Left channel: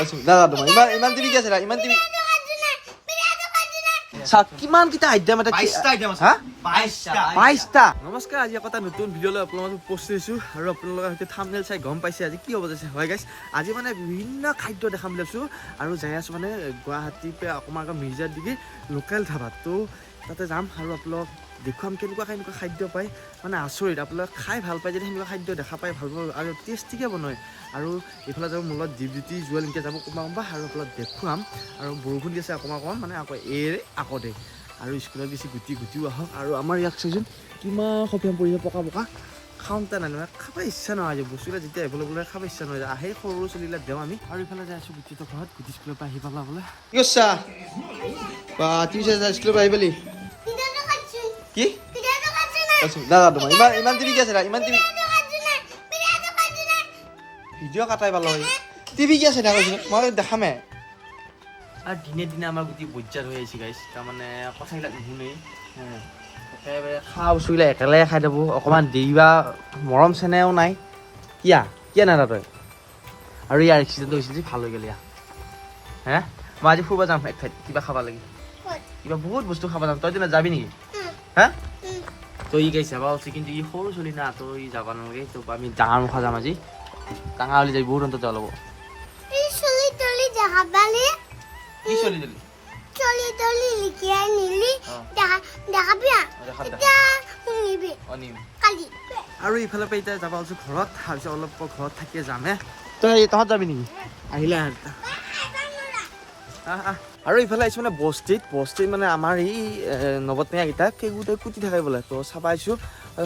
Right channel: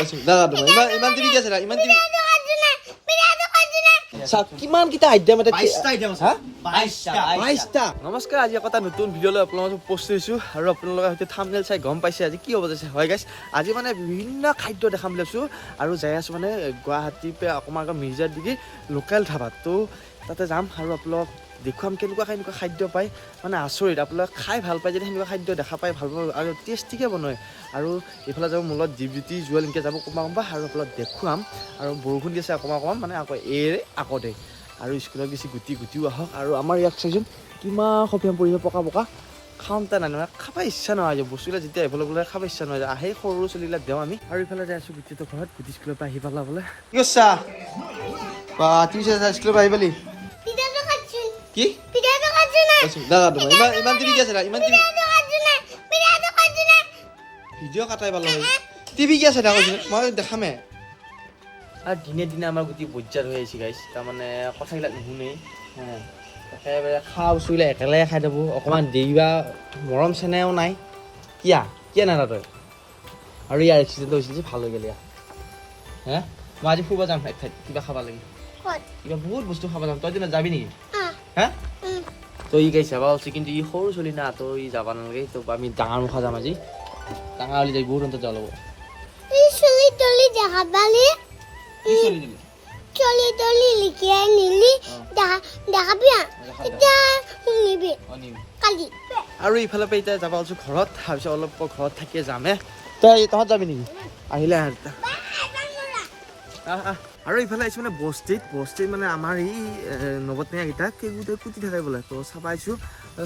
দাদা তোমাৰ ইমান ইমান টিভি কি আছে ইমান টিভি কিমান কেইটা আইটেম এটা 22টা। নমস্কাৰ, আজি এটা নতুন ভিডিঅ' লৈ আপোনালোকক পোষ্ট কৰিছোঁ আৰু আপোনালোকে হয়তো থাম্বনেইল চাই গম পাইছে আজি কি হ'ব যাইছে। হয় গাইছ, আজি মানে বিভিন্ন খাদ্য দেখাম বুলি ভাবিছোঁ আৰু যাই আছোঁ মানে গুৱাহাটীৰ পৰা অকণমান আগত মিৰ্জাৰ দিগি লোকেল ধাবাত। তো তাতে যাম আৰু আপোনালোক দেখুৱাম কেনেকুৱা খাদ্য পায়, মানে আচৰিত। আপোনালোকে খাই ভাল পায় যদি সেনেকুৱা খাদ্য দেখা পাই ভাল পাব আৰু টেষ্টিকৈ বনায়। আৰু এইফালে যাব মোৰ লগত ডিউটি জুৱেল এনেকৈ যাব কোনোবা আৰু আপোনালোক দেখুৱাম। আৰু বৰষুণ দি আছে অকণমান মানে আকৌ আকৌ দে আৰু স্কুলত বেছি গুটিও আহক। আৰু আমাৰ ইয়াত চাইছোন কিমান সফিয়াম পৰিব পকা খাওঁতে নাই নহয়, খাব ইচ্ছা নহয় যে বস্তুবিলাক যেতিয়া এভেইলেবল হয় খাব ইচ্ছা নহয়। আহে সৰু চলিবিলাক দিওঁ আমি। আৰু ইফালে যাই আছোঁ গুটিটো ঘৰত, গুটি স্কুলৰ পৰা আহি পালা বোলে। কি কৈছা বা তুমি স্কুলৰ পৰা আহি পালি কি দাদা তোমাৰ ইমান টিভি কি আছে ইমান টিভি ভিডিঅ' কাটাই পালো টিভি কি আছে কৈছিল মই দেখামে। আৰু দিনে দিনে আমাৰ গোটেই বজ্জাত হৈ আহিছে গাইছ, তাৰমানে কথাবিলাক নুশুনেই। একেবাৰে খোৱা বস্তুবিলাক একেলগে খাই থাকোঁ, অকণমান দেৰিবা মৰম চেনেহও নাই। কিয়া নাই তই। আৰু ইয়াৰ এক্সিডেণ্ট হৈছিল যে ভাল হৈ গ'ল। হে মই আজি ফুৰিব যাম এক ঠাইত, কিবা খাব লাগে, কিবা বহুত বস্তু খাব যাম। তই দিনা যাবি নেকি? হা তই ই গাইছে যাবা উচিত, কিন্তু ই সৰু চলি না, তই যাব নালাগে। তো আমি ডাঙৰ মুখা যাম আজি, ডাঙৰ হ'লে যাই বহুত অন্তত যাব। আৰু ইফালে পৰা এতিয়া যাব আছো ঘৰত, তাৰপিছত অলপ ঘৰত থাকিয়ে যামহে। তই তহঁত যাবি নেকি? আহিলে আৰু ইফালে আহিছোঁ মানে বস্তিত মানে আমাৰ এই নৱটেঙাকেইটা কেইগোটাই কুটি থাকে বোলে। তো চাব আহিছোঁ,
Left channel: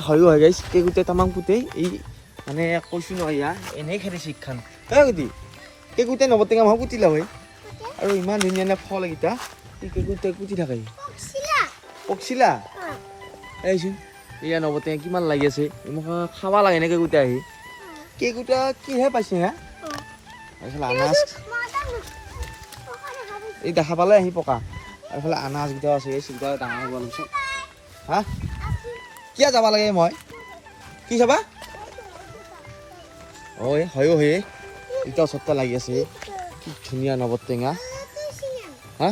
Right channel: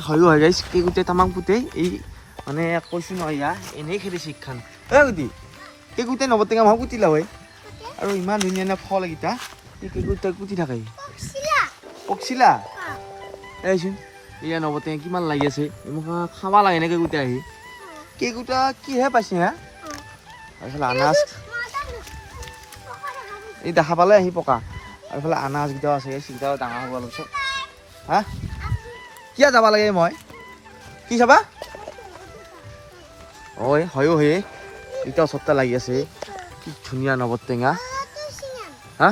হয়ো হয় গাইছ, কেইগোটাই তামাম কুটেই। এই মানে কৈছোঁ নহয় ইয়া এনেই খেলি শিক্ষান গুটি কেইগোটাই নৱটেঙা মই কুটিলা হয়। আৰু ইমান ধুনীয়া ফল এইকেইটা কেইগোটাই কুটি থাকে। পকছিলা এইচোন এয়া নৱটেঙা কিমান লাগি আছে, মোক খাব লাগে নে কেইগোটা আহি কেইগোটা কিহে পাইছে হা। এইফালে আনাজ এই দেখা পালে আহি পকা। এইফালে আনাজকেইটাও আছে, সেইকেইটাও ডাঙৰ হ'ব অলপ পিছত। হা কিয় যাব লাগে মই কি চাবা? হয়ো হয়ে এতিয়া ওচৰতে লাগি আছে। কি ধুনীয়া নৱটেঙা। হা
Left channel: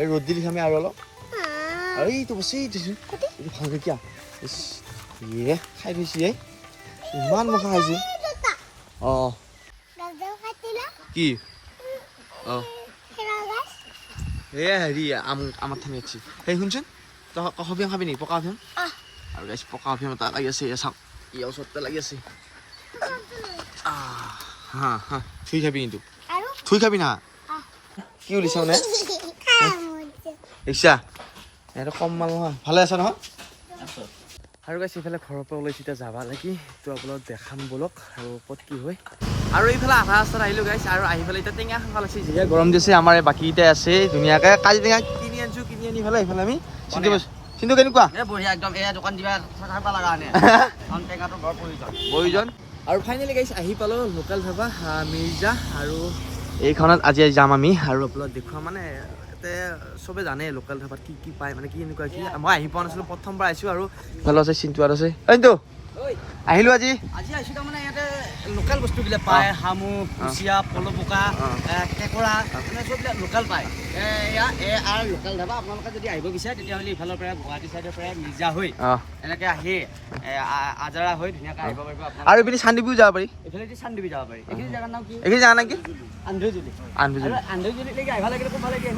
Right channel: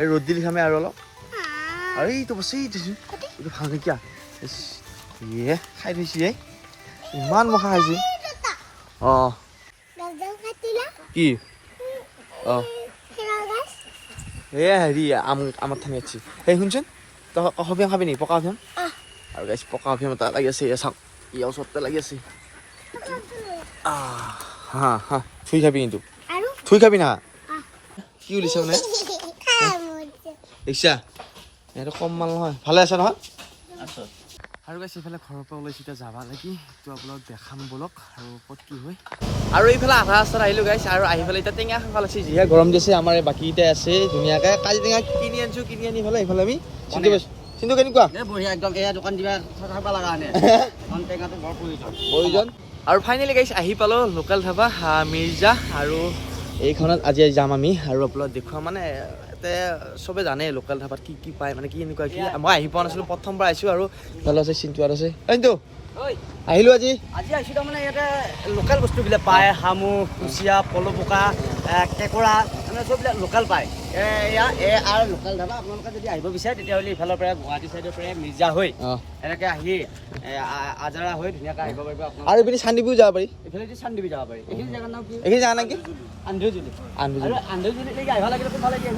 এই ৰ'দ দিলি খামে আৰু অলপ এইটো বস্তু এইটো ভাল কেতিয়া খাই দিছে ইমান মখা খাইছে। কি এয়া হেৰি আমাৰ থামি আছি। সেই শুনচোন তই অফিয়াম খাবি নেকি? পকা অফিয়াম আৰু গাইছ পকা অফিয়াম এটা লাগি আছে। চাওক ইয়াৰ ওচৰতে লাগি আছে। হা থুই খাবি, কিন্তু থুই খাবি না। কি উলিছে মানে ইচ্ছা এইটো কম মাল নহয়। ভালে আছা নহয়? আৰু গাইছ এইফালে ঘৰৰ পৰা ওলাইছে, এতিয়া যাবা লাগি। তো আপোনাক দেখাম বলক আৰু ক'ত কি হয়। আৰু এইফালে আধা ৰাস্তাত আহিলোঁ গাইছ, আৰু আহি পেলাই এতিয়া টেঙা খাব লাগিছে। যিহে গৰম দিছে, আমাৰ এই বাকীকেইটাই আছে ধুনীয়াকৈ কাজি টেঙা কিনি আনি পেলাই এইফালে আমি চিন্তু কেনেকুৱা বঢ়িয়া একদম। এই দোকান দিবা লগা প্ৰয়োজন। আৰু ফাইনেলি গাইছ আহি পালোঁ লোকেল ধাবা মিৰ্জা, আৰু এইখনত আজি যাম আমি। আৰু আপোনাক দেখুৱাম মানে ইয়াতে চবে জানে লোকেল ধাবাত কি পায়, মানে কি এনেকুৱা কি। মই আহি পোৱা নাছিলোঁ, প্ৰথমবাৰ আহিছোঁ। আৰু ইফালে আছে চিন্তু আৰু আছে কিন্তু আহিলোঁ আজি আহিছোঁ। তাৰমানে ইয়াতে লোকেল বস্তুবিলাক পায়, শামুক, কুচিয়া, পলপকা, কেঁকোৰা, মানে চববিলাক লোকেল পায়। আৰু লোকেল ধাবা আপোনালোকে যদি আহিব বিচাৰে তেতিয়াহ'লে ইফালৰ পৰা গুৱাহাটী চাইডৰ পৰা মিৰ্জা হৈ এনেকৈ আহি আজাৰা হৈ ধুনীয়াকৈ আহিব পাৰিব। আৰু এইপিনে চান্দিপুৰ যাব পাৰি, এইফালে চান্দিপুৰ যাব পাৰি। এইখিনি জেগাৰ নাম কি? এইখিনি জেগাৰ নাম কি? আন্ধুজুলিলৈকে আহিব লাগিলে কোনফালে দিয়ে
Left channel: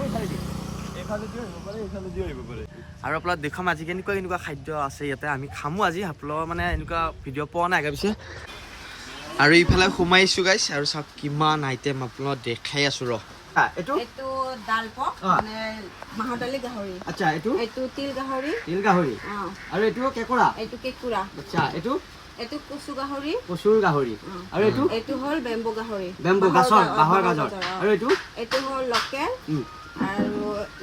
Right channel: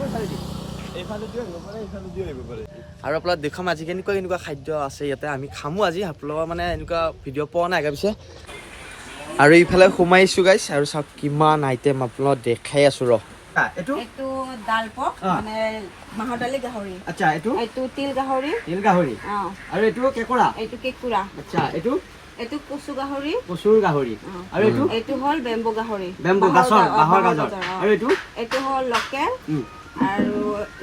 আৰু আপোনাক দেখুৱাম আজি কেনেকুৱা খাদ্য আছে ইয়াতে। আমি খামো আজি, আপোনালোকৰ মানে এনেকুৱা ভিডিঅ' পোৱা নাই পিছে। আৰু ইফালে সোমাইছোঁ গাইছ, আৰু চাওক কিমান আইটেম আপোনাক দেখাই আছোঁ। এইটো দাল পক মানে মাহৰ দালি গাহৰি। আচ্ছা এইটো তিল গাহৰি আৰু এইটো কেঁকোৰা। আচ্ছা এইটো কচুৰ গাহৰি। আৰু এইটো হ'ল বেম্বু গাহৰি, বাঁহৰ গাজৰ। আৰু এইটো হ'ল লোকেল। আৰু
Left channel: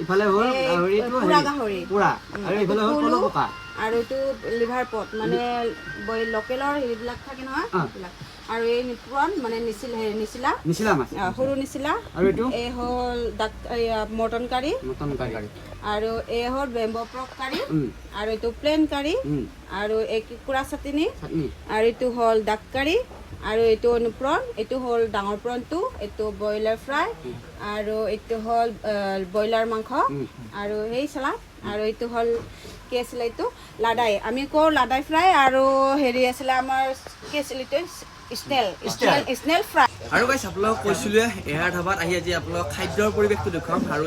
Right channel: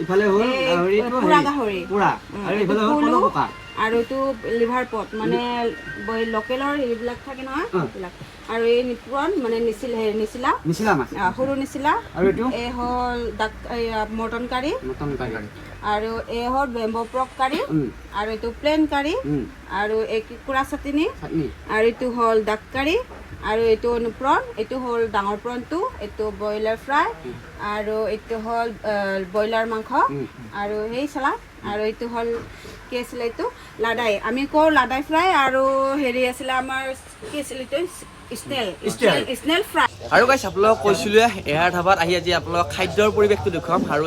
ইফালে হ'ল গাহৰি পুৰা, আৰু ইফালে হ'ল পলপকা। আৰু এইটো লিভাৰ পট, মানে লোকেলৰ হেৰিবিলাক থাকে নহয় সেইবিলাক। আৰু এই নিপুৰণ মানে নিচিলা মাছ, সৰু নিচিলা। আৰু এই হ'ল মটন কাৰী। আৰু এই হ'ল বেম্বো পৰ্ক কাৰী। আৰু এইটো প্লেন কাৰী। আৰু এই কুকুৰা চাটনি। আৰু এইটো হ'ল ডাক কাৰী। আৰু এইটো অনুপ্ৰণ, এইটো হ'ল ডাঙৰ প্ৰণটো, এইটো ব্ৰইলাৰ ফ্ৰাই, আৰু এইটো হ'ল ব্ৰইলাৰ মাংস, আৰু সেই চালাড, আৰু এইটো হ'ল কি আছিলে এইটো লাদাই, আমি কওঁ লাদাই ফ্ৰাই, আৰু হেৰি আছিলে আমাৰ কি আছিলে এইটো স্নেল ফ্ৰাই। আৰু গাইছ আপোনালোকক কৈছিলোৱে এয়াৰ ধাবাত আহি আজি আপোনালোকক খাদ্যৰ পৰিৱেশটো দেখুৱাম। আৰু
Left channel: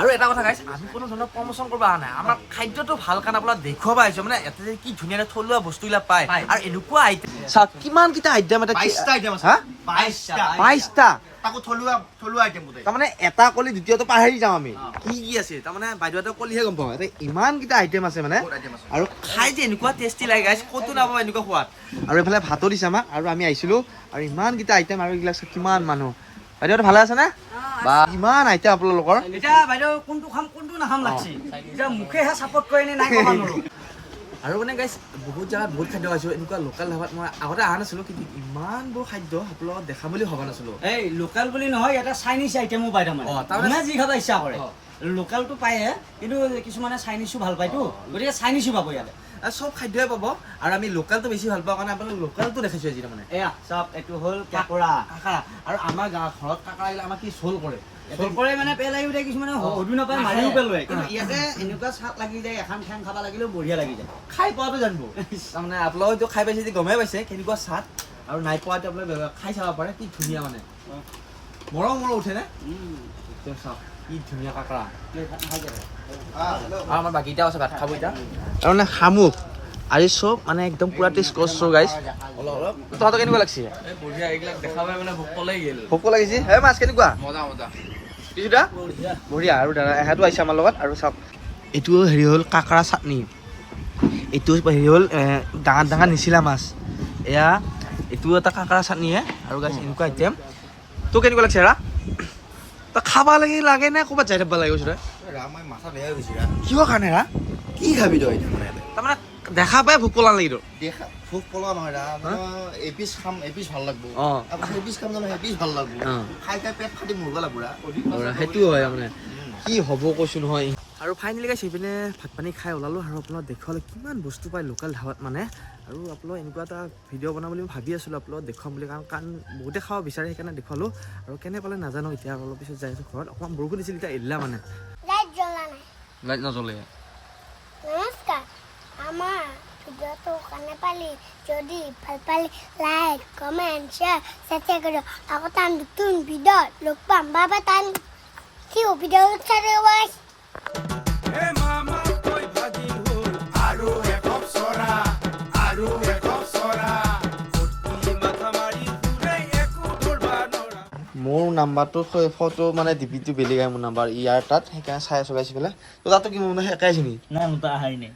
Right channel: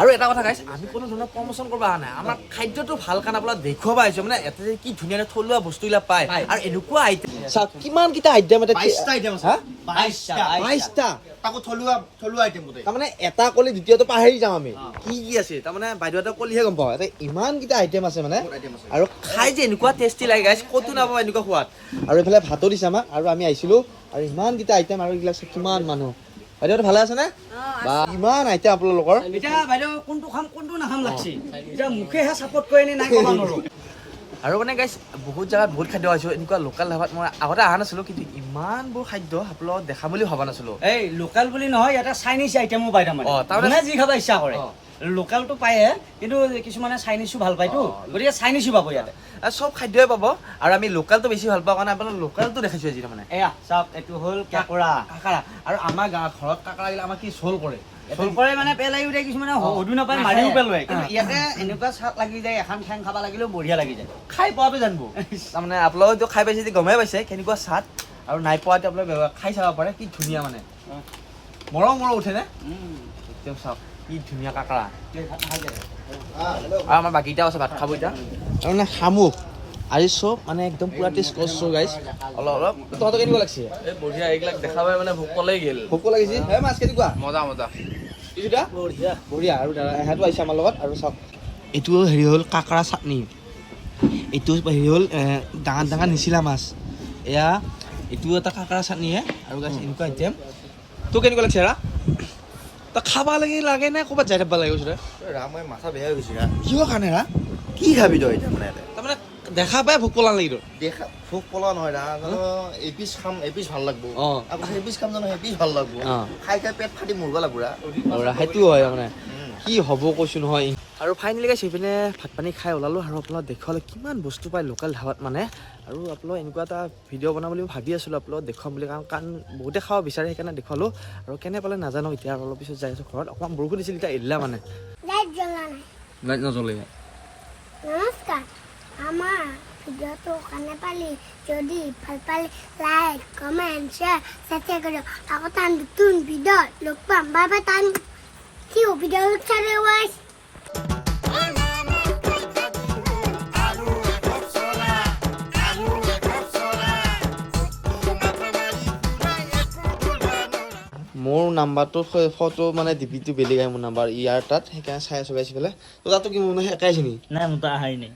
আৰু এটা কথা গাইছ, আমি কোনো ধৰণৰ প্ৰমোচন কৰিব অহা নাই, আমাৰ খাদ্যটো ভাল কাৰণে আপোনাক দেখুৱাব আহিছো। মানে ইয়াতে যে কি ধুনীয়া থলুৱা বস্তুবিলাক পায় আৰু এনেকুৱা আইটেম চাওক কিমান কেইটা আইটেম, 22টা আইটেম আছে। 22টা তাকো থলুৱা আইটেম গোটেই। তাৰমানে এটা কলি দ্বিতীয়টো পাহৰি যাওঁ আমি কি কি আছে। তাৰমানে বাইদেউহঁতে কলিহে গম পাওঁ ইমান কেইটা আইটেম আছে মানে, আৰু খাই যে এনেকুৱা টেষ্টি লাগে গাইছ, ক'তো নাপাব এনেকুৱা সোৱাদ। আৰু এইফালে ভাতো দিছে আমাক, আৰু আমি আহিছিলো আৰু ইমান কেইটা আইটেম, আৰু এইবিলাক কিমান মানুহ। বাইদেউহঁত ভালে আছে নে? বা ইমান আইটেম আপোনালোকৰ। এতিয়া বাইদেউ কোনটো খাম কোনটো নাখাম লাগছি, এতিয়া মুখেহে চাপৰ্ট কৰে নে নাই ক'ব নোৱাৰো। আৰু মানে গাইছ বহুত জেগাত বহুত খাদ্য খাইছোঁ, এনেকুৱা লোকেল ধাবাত মই আগতে অহা নাছিলোঁ, কিন্তু ইমানবোৰ খাদ্য আপোনালোকক দেখাম বুলি ভবা নাছিলোঁ। এই লোকেল বুলি নহয়, ইয়াতে চাইনিজ আইটেমো পায় তাৰমানে। তাৰমানে যি খাব ইচ্ছা কৰে লোকেলটো পায়ে, কিন্তু কিছুমানে চাইনিজো ভাল পায়তো, গতিকে চাইনিজো পাব ইয়াতে। আৰু চব খাদ্যই পাব, আৰু আমি লোকেলটো বেছি ভাল পাওঁ কাৰণে আপোনাক লোকেলটো দেখাইছোঁ আজি। তাৰমানে এয়া চাওক, এইটো হ'ল কাকৰা। কাকাৰা, আৰু আমাৰ গাঁৱত ঘৰত কাকাৰা গিলা আমাৰ কি চোল কৰে, চৰকাৰে মানে পেলাই উঠে, কিছুমানে সদু নাপায় মাৰিও পেলোৱাই, কিন্তু ইয়াতে এনেকুৱা চাট লাগি যায়, এখন ঠেং খাব লাগিলেও বঢ়িয়া লাগি যায়। খাই পোৱাটো জানিব। তাৰমানে আপোনালোকেতো খাই পাইছে যদি গমেই পাইছে কেনেকুৱা স্বাদ, আৰু নাই পোৱাটো আপোনালোকে খাই চাব পাৰে, কি ধুনীয়া মানে মৰম উঠেনে একদম। চাওক কি ধুনীয়া কাকাৰা, আৰু আমাৰ বাকীকেইটাও আছে ভাত খাব এতিয়া। তাৰমানে শামুক আজি চব মানে একদম পুৰা টেষ্ট কৰিছোঁ গাইছ। অলপ তহঁতৰ কেনেকুৱা লাগিছে? বঢ়িয়া, এইবিলাক দেখা পাই মানে ভোক কলেই গেল। ভোক লাগিছে হে মাছ কেনেকুৱা? মজা মজা। কিছুটা বঢ়িয়া। আৰু দাদা এহেঁতো আহিছে আমাৰ লগত। আৰু চাওক এইটো হেৰি হ'ল কাকৰা চাটনি, এইটো হেৰি হ'ল ডাঙৰ ডাঙৰ নিচিলা মাছ, এয়া এইটো এটা কাকৰা চাটনিহে। আৰু গাইছ এনেকুৱা আইটেম। তোৰ কেনেকুৱা লাগিছে ৰা? তই খাব লাগে নে ক'ৰবাত যাই থাকিব লাগে? কৈছোঁ মই মাথা বেয়া হৈ গৈছে। কিহৰ কাৰণে ৰা? কি খাবি তই এতিয়া মানে? তাৰমানে দেখা পাই ভোক পলা লাগি তোৰ। দেখা ভোক পলা নহয় এপিচ খাম, এপিচ ভাল লাগব। আকৌ এপিচ খাম জানো, এপিচ ভাল লাগব। খাই খাই পেট ফাটি মৰিব লাগব। সেইটো হয় মানে কি হ'ব কৈছোঁ নহয়। আৰু ফাইনেলি গাইছ সেইপিনে ভাত পানী খাই ওলালোঁ, আৰু আপোনালোক দেখুৱালে কিমান বস্তু পায় লোকেল ধাবাত মানে। আৰু আপোনালোক এনেকুৱা এটা ভিডিঅ' বনাম বুলি মই ভাবি আছিলোঁ, আপোনালোক দেখুৱাম বুলি, কাৰণ বহুতে খাব বিচাৰে, সেইকাৰণে দেখুৱালোঁ। আৰু কেনে পালে নাজানো, এতিয়া অলপ পিছত যাই আছোঁ ঘৰত। অকণমান বৰষুণ দিছিল, এতিয়া এৰিলা মানে লাইট নজ্বলে। নমস্কাৰ, আমাৰ ভিডিঅ'টো কাৰণে পালি যদি ভাল পালে লাইক কমেণ্ট শ্বেয়াৰ সাবস্ক্ৰাইব করো। আকৌ তান নতুন ভিডিঅ' লগ পাম। Bye bye. তান কি ভিডিঅ' চাই ওয়াচ। মোৰ নাম্বাৰটো ফটো মানে ডিপিটো বেলেগ আহে, মোৰ নাম্বাৰ ইয়াৰ তাত, সেইকাৰণে চাই আছোঁ গাইছ পেলাই। তো তাতো কি মোৰ একাই আছে নেকি? নাই মোৰ তাৰ আহাই নাই।